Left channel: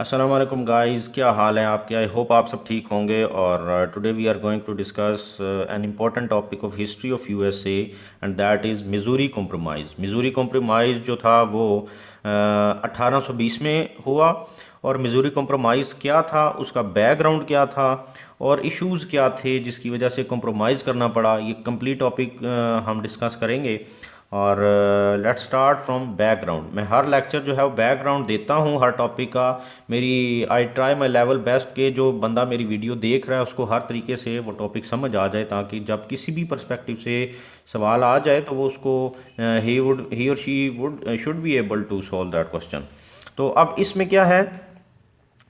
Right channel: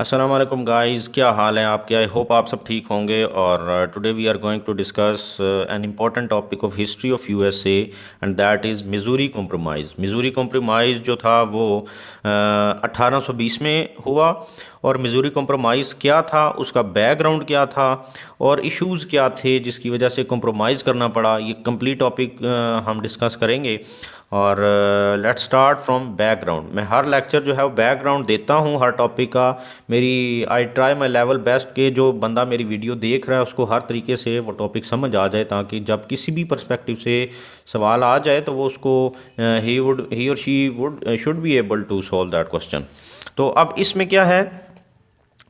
अस्सलाम वालेकुम गाइस, क्या हाल है आपके। आई होप आप सब ठीक होंगे। और today we are going to discuss an important topic of history of USA and that is Missouri compromise. Missouri compromise जो था वो 1820 में हुआ। और मिज़ूरी कॉम्प्रोमाइज़ क्या था, उसका बैकग्राउंड क्या था और इश्यूज़ क्या थे जिसकी वजह से कॉम्प्रोमाइज़ करना पड़ा, ये कंप्लीट टॉपिक हम डिस्कस करेंगे। और लेट्स स्टार्ट फ्रॉम बैकग्राउंड। मैं हर लेक्चर जो है वो बैकग्राउंड देता हूँ हर टॉपिक का। मेरी I try my level best के जो बंदा मेरी वीडियो देख रहा है उसको हर तरीके से वो टॉपिक समझ आ जाए, ताकि जब किसी भी पर्सपेक्टिव से सवाल आ जाए तो वो उसको ही और she would should be able to solve that question. तो अब इसमें क्या है,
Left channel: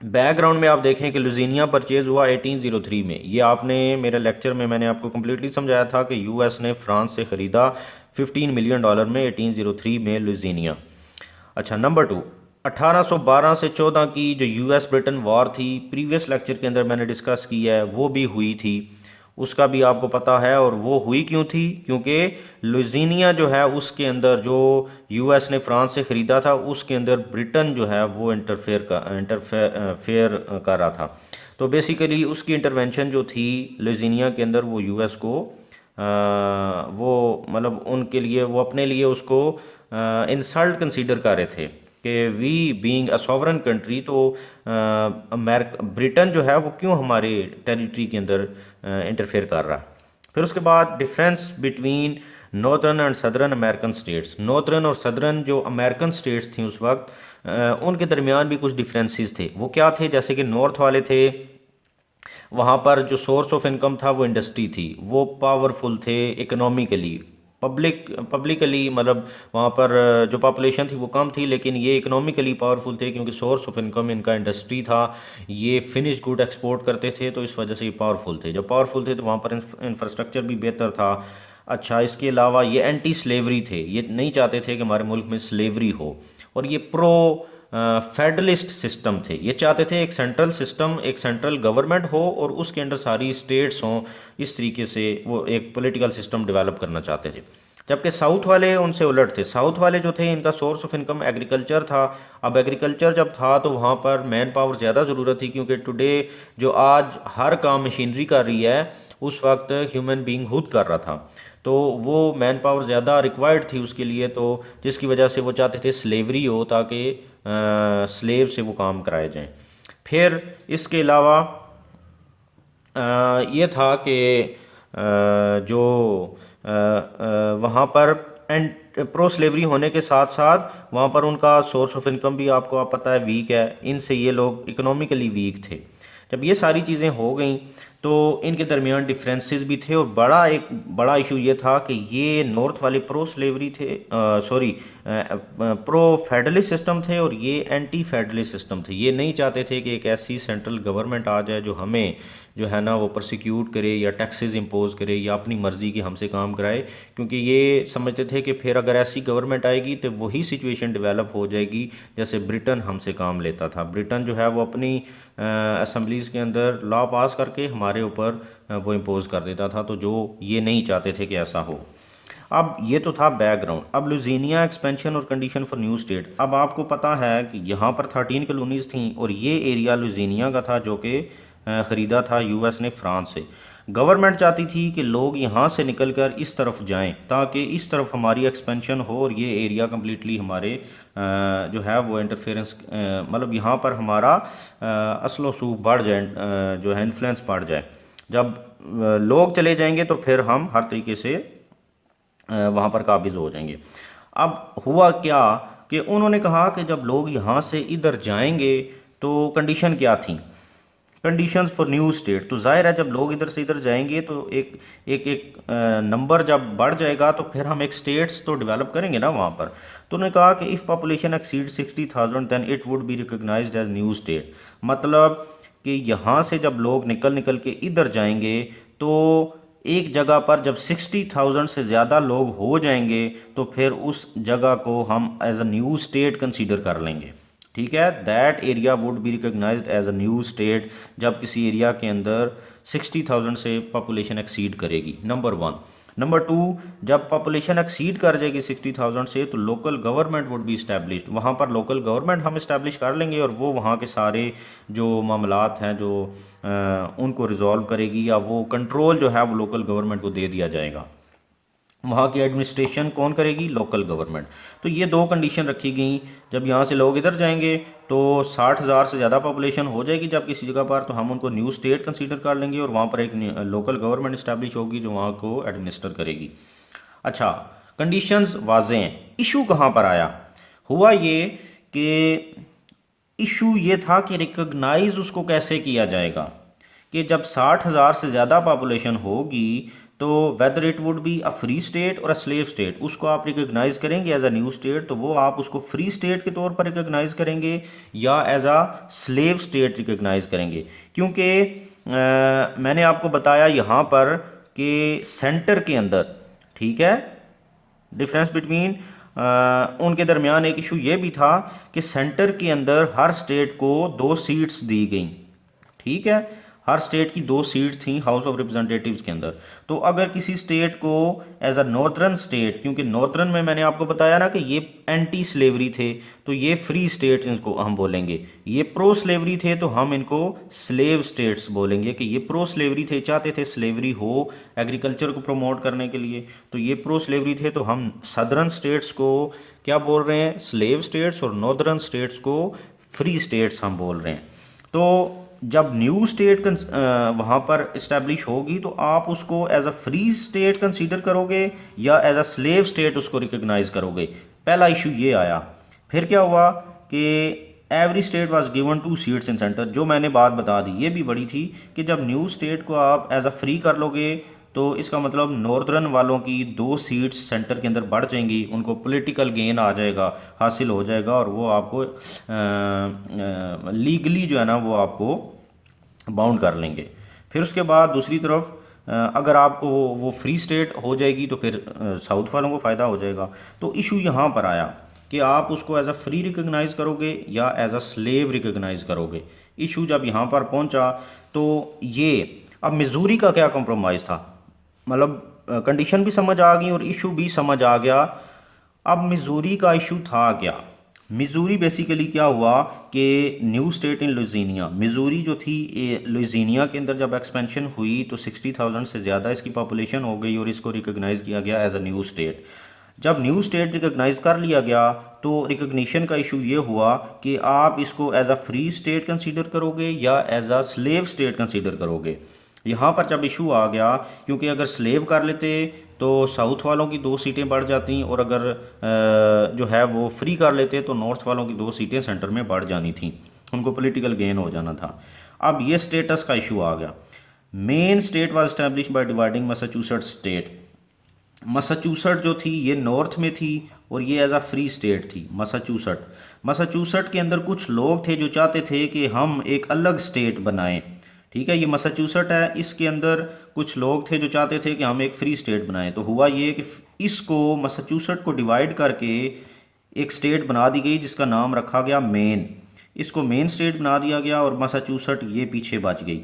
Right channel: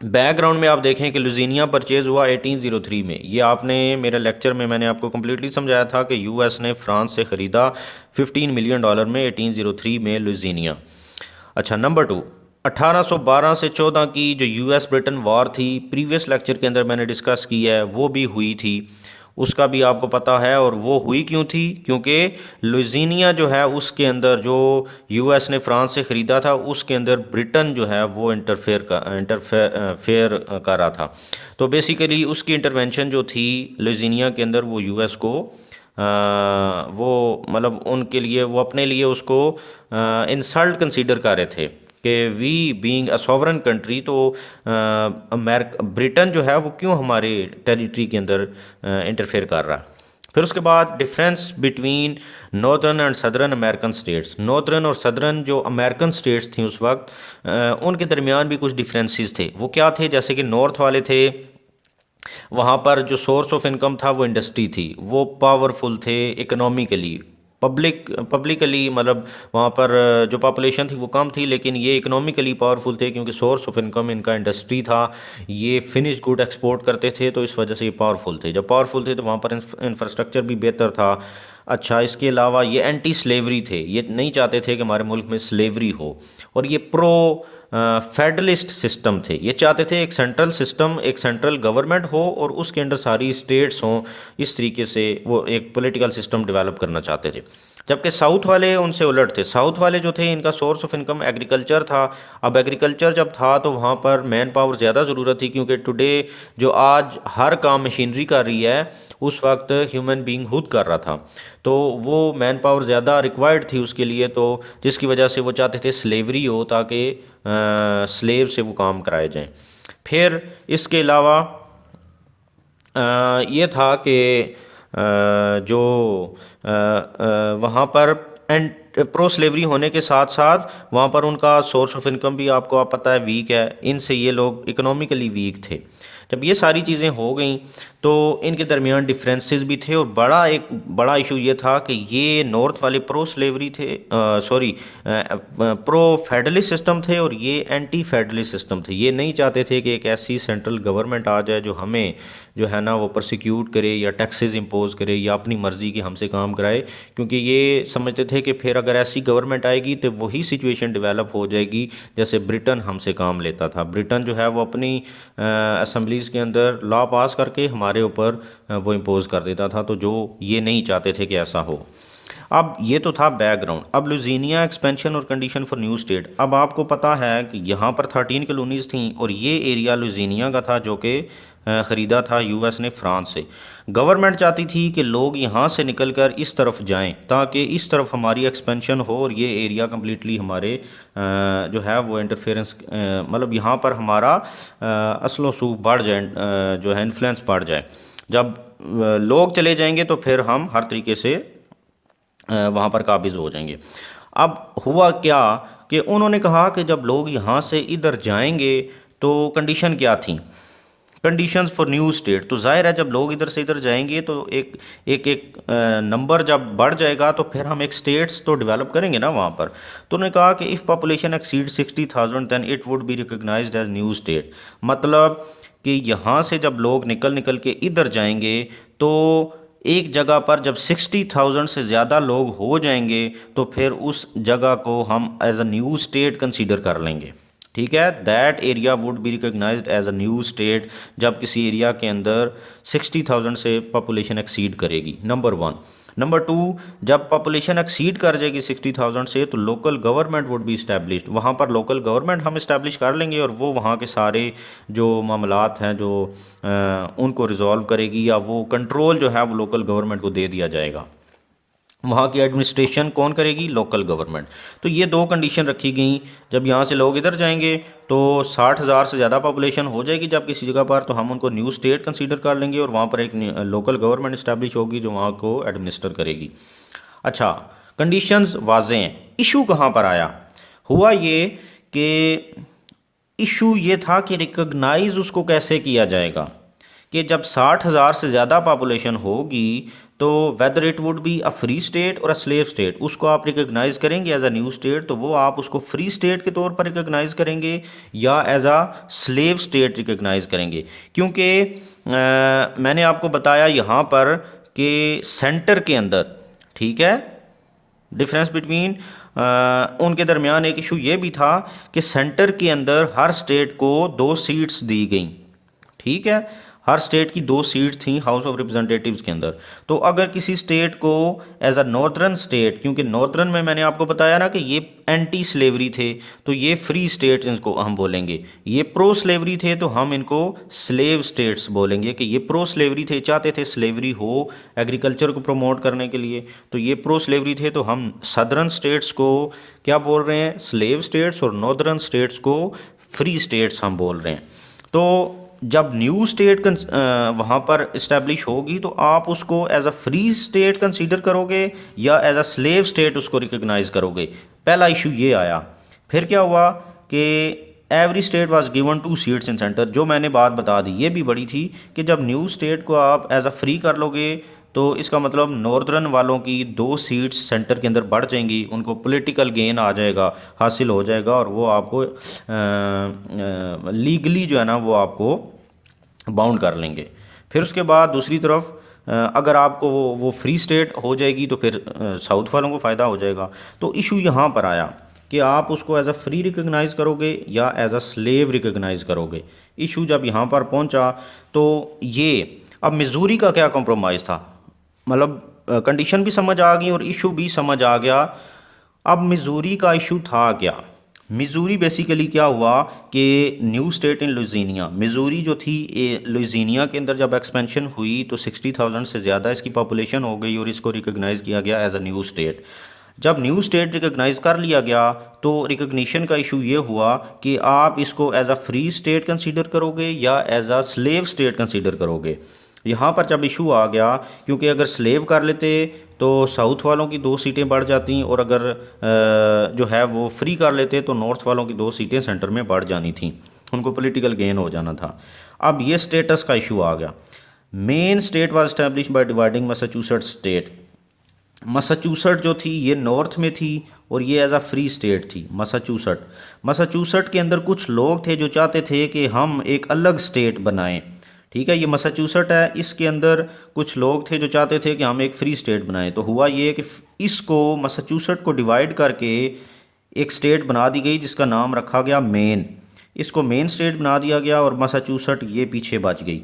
बैकग्राउंड में आप देखें कि लुजीनिया परचेज़ हुआ 1803 में। ये आपने मेरे लेक्चर में मैंने आपको कम्प्लीटली समझाया था कि यूएस ने फ्रांस से ख़रीदा $15 मिलियन में 1803 में लुजीनिया। अच्छा, नंबर टू, 1812 से 14 की जो यूएस ब्रिटेन वॉर थी, प्रीवियस लेक्चर के अंदर मैंने डिस्कस किया है, वो भी हुई थी। उसका भी आपको पता है। और वो हुई क्यों थी, क्योंकि लुइसियाना जो है उसके अंदर जो यूएस ने फ्रांस से ख़रीदा था उसके अंदर ब्रिटेन जो है वो इंटरफेयर कर रहा था। तो बेसिकली उसकी इंटरवेंशन जो थी लुइसियाना के अंदर वो यूएस को वो मतलब उनके लिए वो अपने लिए उसको इंसल्ट कंसीडर कर रहे थे कि we being a sovereign country, तो अमेरिका ब्रिटेन जो है वो क्यों हमारे टेरिटरी के अंदर इंटरफेयर कर रहा। फिर उसके बाद difference between northern and southern American states. Northern और सदर्न जो अमेरिकन स्टेट्स थी उस वक्त, उनके दरमियान भी कुछ डिफरेंसेस थे। वो क्या थे, जैसे कि नॉर्थ वाले थे, वहाँ पर जो सोर्स ऑफ इनकम था वो इंडस्ट्री थी, वो पावरफुल थे इकोनॉमिकली। पब्लिकली मतलब वहाँ पर जो पॉपुलेशन थी वो कम थी, लेकिन ये इकोनॉमिकली पावरफुल थे क्योंकि सोर्स ऑफ इनकम इनका इंडस्ट्री था। ये फिनिश गुड एक्सपोर्ट करते थे, तो इस वजह से ये पावरफुल थे। जब पावरफुल थे तो वहाँ पर इंफ्रास्ट्रक्चर भी बेहतर था। अच्छा, इसके अलावा ये एंटी स्लेवरी थे, ये नहीं चाहते थे कि हमारे मुल्क में स्लेवरी हो। और ये प्रो फेडरलिस्ट सिस्टम थे, ये चाहते थे एक सेंट्रल सिस्टम, एक सेंट्रल गवर्नमेंट हो और उसके अंदर सारी स्टेट्स हों। इस तरीके से वो एक पॉलिटिकल सिस्टम डेवलप करना चाहते थे। जबकि साउथ वाले उनसे उलट थे। साउथ वाले जो थे इनका सोर्स ऑफ इनकम एग्रीकल्चर था। अब एग्रीकल्चर जब था तो वहाँ पर मैन पावर ज़्यादा ज़रूरत थी, क्योंकि टुडे जो आज हर काम मशीनरी कर रही है उस वक्त ह्यूमन बीइंग खुद कर रहा था। तो वो मैन पावर ज़्यादा रिक्वायर्ड थी उसके लिए, तो जिसकी वजह से वो चाहते थे स्लेवरी हो, ताकि स्लेव से वो काम कराए जाएं। फिर इसके अलावा ये था कि जो वहाँ पर एंड प्रो स्लेवरी होने के साथ साथ वहाँ पर उनका सोर्स ऑफ इनकम भी आपको आप पता है वीक है। इनसे ये लोग इकोनॉमिकली वीक थे। जब ये सारी चीज़ें हो गई तो इनके दरमियान डिफरेंसेस भी थे। और एक बड़ा इशू ये था कि ये नॉर्थ वाले प्रो स्लेवरी थे, सॉरी प्रो फेडरलिस्ट सिस्टम थे, और ये एंटी फेडरलिस्ट सिस्टम थे। ये नहीं चाहते थे कि एक ऐसी सेंट्रल गवर्नमेंट आ जाए जो हमें जो है ना वो प्रोसिक्यूट करे या टैक्सेस इंपोज करे या अपनी मर्ज़ी की हमसे काम कराए, क्योंकि ये समझते थे कि फिर अगर ऐसी गवर्नमेंट आएगी तो वही सिचुएशन डेवलप हो जाएगी जैसे ब्रिटेन हमसे काम लेता था। ब्रिटेन जो है वो अपनी असम्बलीज़ के अंदर लॉ पास करके हमारे ऊपर वो इम्पोज कर देता था, तो जो ये नहीं चाहते थे कि ऐसा हो। अब ये तो था बैकग्राउंड। अब लुजीनिया एक्सपेंशन और कंडीशन फॉर न्यू स्टेट। अब आपको पता है कि यहाँ पर 13 कॉलोनीज़ थी और ये एरिया लुजीनिया का था जो कि ख़रीदा था यूएस ने फ्रांस से। गवर्नमेंट चाहती थी कि लोग यहाँ से निकलकर इस तरफ जाएं ताकि इस तरफ हमारी एक्सपेंशन हो और ये एरिया कम्प्लीटली हमारे जो है वो इंटरफेरेंस मतलब यहाँ पर हमारा असल वसूख बढ़ जाए, जो है इन्फ्लुएंस बढ़ जाए। जब लोग चले जाएंगे तो फिर हम हर तरीके से वहाँ पर काबिज़ हो जाएंगे। अब हुआ क्या कि उन्होंने कहा कि जब लोग यहाँ से इधर जाएंगे तो कंडीशन क्या थी, कंडीशंस फॉर न्यू स्टेट। तो जाहिर है जब लोग इधर से इधर जाएंगे तो एक एक एक नंबर जब बढ़ जाएगा तो फिर हम एक स्टेट्स तो डेवलप करेंगे ना वहाँ पर। तो उन्होंने कहा कि if population exceed 60,000 then it would be recognised as new state. मतलब कि यहाँ से जब लोग निकल निकल के इधर जाएंगे तो एक जगह पर जब 60,000 से ज़्यादा लोग हो जाएंगे तो फिर उस जगह को हम as a new state consider कर लेंगे। ठीक है, that area would be recognised as a new state जब किसी एरिया के अंदर 60,000 से पॉपुलेशन एक्सीड करेगी। Number one. नंबर टू, जब पॉपुलेशन एक्सीड कर जाएगी 60,000 से तो local government would be established, वहाँ पर लोकल गवर्नमेंट हम इस्टेब्लिश कर लेंगे और वो वहाँ के सारे जो मामलात हैं जो उनको रिजॉल्व करेगी, या वो कंट्रोल जो है वो लोकल गवर्नमेंट को दे दिया जाएगा। वहाँ की एडमिनिस्ट्रेशन कौन करेगी? Local government. तो ये दो कंडीशन रखी गई। जब यहाँ से लोग इधर जाएंगे तो 60,000 से ज़्यादा पॉपुलेशन हो जाएगी जब किसी जगह पर, तो हम उनको न्यू स्टेट कंसीडर कर लेंगे और वहाँ पर एक लोकल गवर्नमेंट इस्टेब्लिश होगी जो वहाँ को एडमिनिस्टर करेगी। अच्छा, कंडीशंस वाजे हैं। इशू कहाँ पर आया? हुआ ये कि इशू ये था कि रिकॉग्नाइज उसको कैसे किया जाएगा, कि जब 60,000 से ज़्यादा पॉपुलेशन होगी तो whether it would be a free state और अ स्लेव स्टेट, उसको आप रिकॉग्नाइज करेंगे एज अ न्यू स्टेट, तो वो आप उसको फ्री स्टेट के तौर पर रिकॉग्नाइज करेंगे या as a slave state recognise करेंगे। क्योंकि मैंने आपको बताया यहाँ पर कि सेंटर के अंदर, ठीक है, डिफरेंस बिटवीन उनके दरमियान एक इशू ये भी था कि सेंटर के अंदर हर स्टेट को 2 सीट्स दी गई, ठीक है, हर स्टेट की 2 सीट थी हाउस ऑफ रिप्रेजेंटेटिव्स के अंदर। तो अगर किसी स्टेट को एज अ नॉर्दर्न स्टेट, क्योंकि नॉर्दर्न में मैंने आपको बताया ना कि ये एंटी स्लेवरी थे, तो ये फ्री स्टेट इनको हम बोलेंगे। ये प्रो स्लेवरी थे तो हम इनको स्लेव स्टेट्स बोलेंगे, कि ये प्रो स्लेवरी थे, चाहते थे स्लेवरी हो एग्रीकल्चर को प्रमोट करने के लिए, तो ये प्रो स्लेवरी थे, तो हम सदर्न स्टेट्स को क्या बोल रहे हैं? स्लेव स्टेट्स, और नॉर्दर्न स्टेट्स को फ्री स्टेट्स हम बोल रहे हैं। तो जब न्यू स्टेट वहाँ पर इस्टेब्लिश होगी तो आप उसको as a free state consider करोगे या एज अ स्लेव स्टेट उसको रिकॉग्नाइज करोगे? पहला इशू ये आया। फिर क्या हुआ कि every state was given 2 seats in centre, जो मैंने बात बता दी ये भी बड़ी थी कि जब न्यू स्टेट को आप एज अ फ्री कर लोगे तो इसका मतलब नॉर्दर्न वालों की 2 सीट्स सेंटर के अंदर बढ़ जाएंगी, उनको पॉलिटिकल गेन आ जाएगा, हासिल हो जाएगा, और वो आपको लीगली जो है ना वो आपको बाउंड कर लेंगे। फिर उसके बाद दूसरी तरफ अगर आपको वो फ्री स्टेट हो जाएगी तो फिर साउथ वालों को फ़ायदा हो जाएगा। तो इशू यहाँ पर आया कि आप उसको एज अ फ्री रिकॉग्नाइज़ करोगे या एज अ स्लेव रिकॉग्नाइज़ करोगे। इशू जब यहाँ पर पहुँचा तो ये, अब मिजूरी का क्या कॉम्प्रोमाइज़ था, मतलब कंडीशन भी समझ आ गई और इशू भी समझ आ गया। अब मिजूरी का इशू था क्या? मिजूरी बेसिकली क्या हुआ कि new state in Louisiana, Missouri जो थी लुइसियाना के अंदर जब एक्सपेंशन हुई तो 60,000 से ज़्यादा इसकी पॉपुलेशन हो गई और इसको रिकॉग्नाइज़ किया गया एज अ न्यू स्टेट। जब न्यू स्टेट रिकॉग्नाइज कर लिया गया तो रिकॉग्निशन का इशू ये हुआ कि आप इसको as a free state consider करोगे या as a slave state consider करोगे। यहाँ पर जब इशू आ गया, क्योंकि अगर स्लेव कर लेते तो साउथ वालों की 2 सीटें बढ़ जाती, और अगर जो है वो फ्री कर लेते तो नॉर्थ वालों की 2 सीटें सेंटर में बढ़ जानी थी, उनको पॉलिटिकल गेन हो जाना था। अब ये स्टेटस का इशू आ गया। Main state was establish by dividing Massachusetts state. Massachusetts जो थी ये नॉर्थ में थी और ये एज अ फ्री स्टेट थी मैसाचुसेट के अंदर कुछ लोग थे जो चाहते थे कि हम एक अलग स्टेट बनाएं, ठीक है, ये मैसाचुसेट है, इसके अंदर कुछ लोग थे जो चाहते थे कि हम एक फ्री स्टेट बनाएं। तो हुआ ये कि इसको मैसाचुसेट को डिवाइड करके एक स्टेट बना दी गई जिसका नाम रखा गया मेन। इसको मेन स्टेट बना दिया गया और मैसाचुसेट ये पीछे बच गई।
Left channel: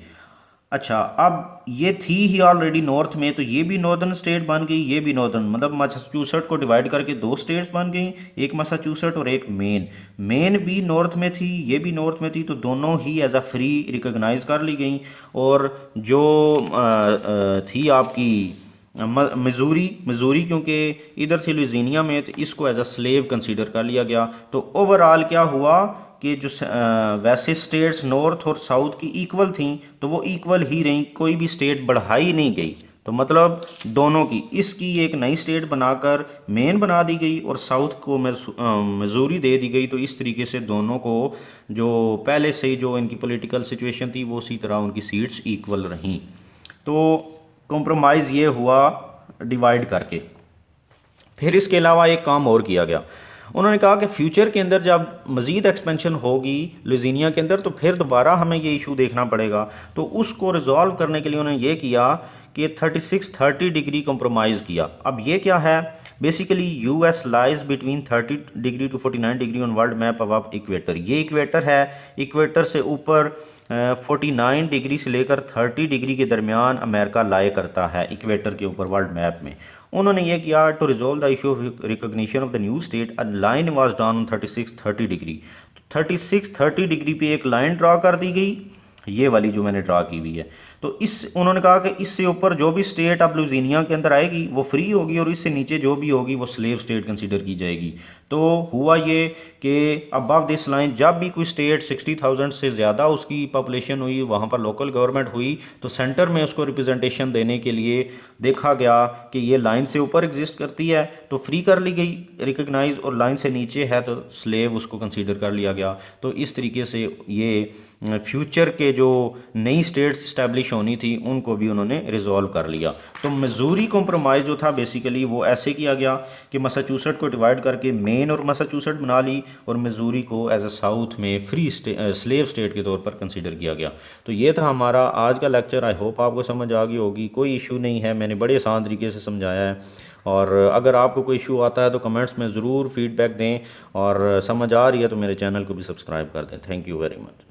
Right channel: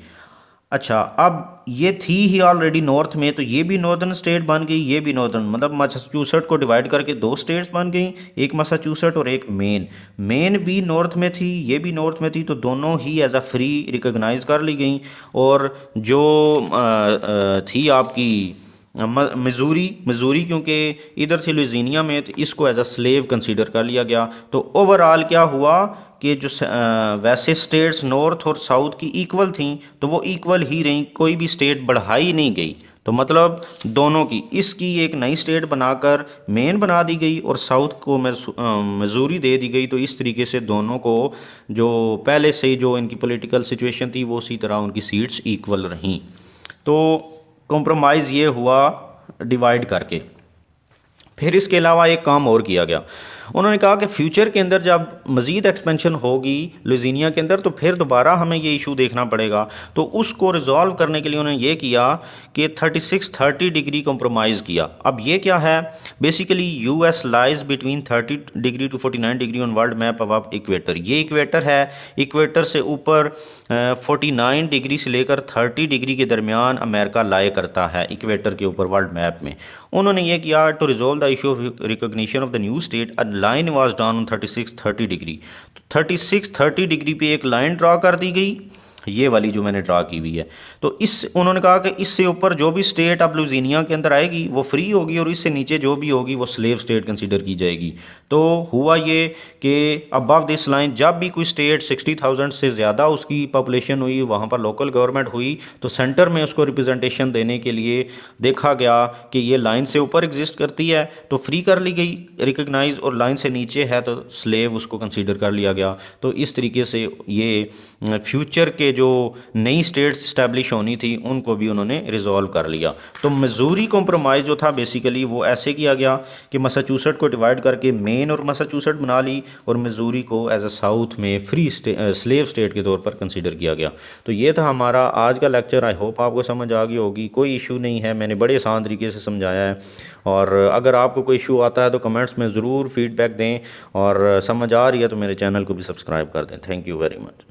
अच्छा, अब ये थी ही ऑलरेडी नॉर्थ में, तो ये भी नॉर्दर्न स्टेट बन गई, ये भी नॉर्दर्न, मतलब मैसाचुसेट को डिवाइड करके 2 स्टेट्स बन गई, एक मैसाचुसेट और एक मेन। मेन भी नॉर्थ में थी, ये भी नॉर्थ में थी, तो दोनों ही एज अ फ्री रिकॉग्नाइज कर ली गई। और जो थी आपकी मिजूरी क्योंकि इधर थी लुइसियाना में, तो इसको एज अ स्लेव कंसीडर कर लिया गया। तो ओवरऑल क्या हुआ कि जो वैसे स्टेट्स नॉर्थ और साउथ की इक्वल थी तो वो इक्वल ही रहीं, कोई भी स्टेट बढ़ाई नहीं गई। तो मतलब दोनों की, इसकी एक नई स्टेट बनाकर मेन बना दी गई और साउथ को मिजूरी दे दी गई। तो इस तरीके से दोनों को जो पहले से जो इनकी पॉलिटिकल सिचुएशन थी वो उसी तरह उनकी सीट्स इक्वल रहीं। तो कॉम्प्रोमाइज़ ये हुआ डिवाइड करके। फिर इसके अलावा एक काम और किया गया, उन्होंने कहा कि फ्यूचर के अंदर जब मज़ीद एक्सपेंशन होगी लुइसियाना के अंदर तो फिर दोबारा हमें ये इशू देखना पड़ेगा। तो उसको रिजॉल्व करने के लिए उन्होंने ये किया कि 36-30 डिग्री कंप्रोमाइज़ किया। अब ये क्या है, basically US lies between 30 degree to 49 degree on world map अब इक्वेटर। ये इक्वेटर है, इक्वेटर से ऊपर 49 डिग्री से लेकर 30 डिग्री के दरमियान अमेरिका लाए करता है इक्वेटर के ऊपर वर्ल्ड मैप में। उन्होंने ये किया to resolve the issue of recognition of the new state, a line was drawn on 36-30 degree. 36-30 degree पे एक लाइन ड्रा कर दी गई, ये वाली जो मैंने ड्रा की हुई है। तो इस उन्होंने कहा कि इससे ऊपर जो भी स्टेट अब लुइसियाना के अंदर आएगी वो फ्री होगी और इससे नीचे जो भी होगी वो स्लेव स्टेट कंसीडर की जाएगी। तो हुआ ये कि अबव दिस लाइन जब भी कोई स्टेट 60,000 से ज़्यादा उसकी पॉपुलेशन हुई, वहाँ पर लोकल गवर्नमेंट हुई, तो सेंटर में उसको रिप्रेजेंटेशन देने के लिए देखा गया कि ये लाइन से ऊपर एग्जिस्ट करती है तो फ्री कर ली गई रिकग्नाइज, और लाइन से नीचे है तो स्लेव उसको कंसीडर कर लिया गया। तो इस तरीके से ये फ्यूचर के जो नई स्टेट्स इस्टेब्लिश होनी थी उनको भी उन्होंने रिजॉल्व कर लिया। तो मिजूरी कॉम्प्रोमाइज़ जो था बेसिकली वो ऐसे किया गया कि मैसाचुसेट्स को डिवाइड करके मेन और मैसाचुसेट्स बना ली और मिजूरी को एज अ साउथ में फ्री स्लेव स्टेट के तौर पर कंसीडर किया गया। तो ये था हमारा आज का लेक्चर। आई होप आपको समझ आ गई होगी, कोई इशू नहीं है, मैंने बड़े आसान तरीके से समझाया है। और अगर आपको कोई इशू आता है तो कमेंट्स में ज़रूर फीडबैक दें, और समझ आ रही है तो मेरे चैनल को भी सब्सक्राइब कर दें। Thank you very much.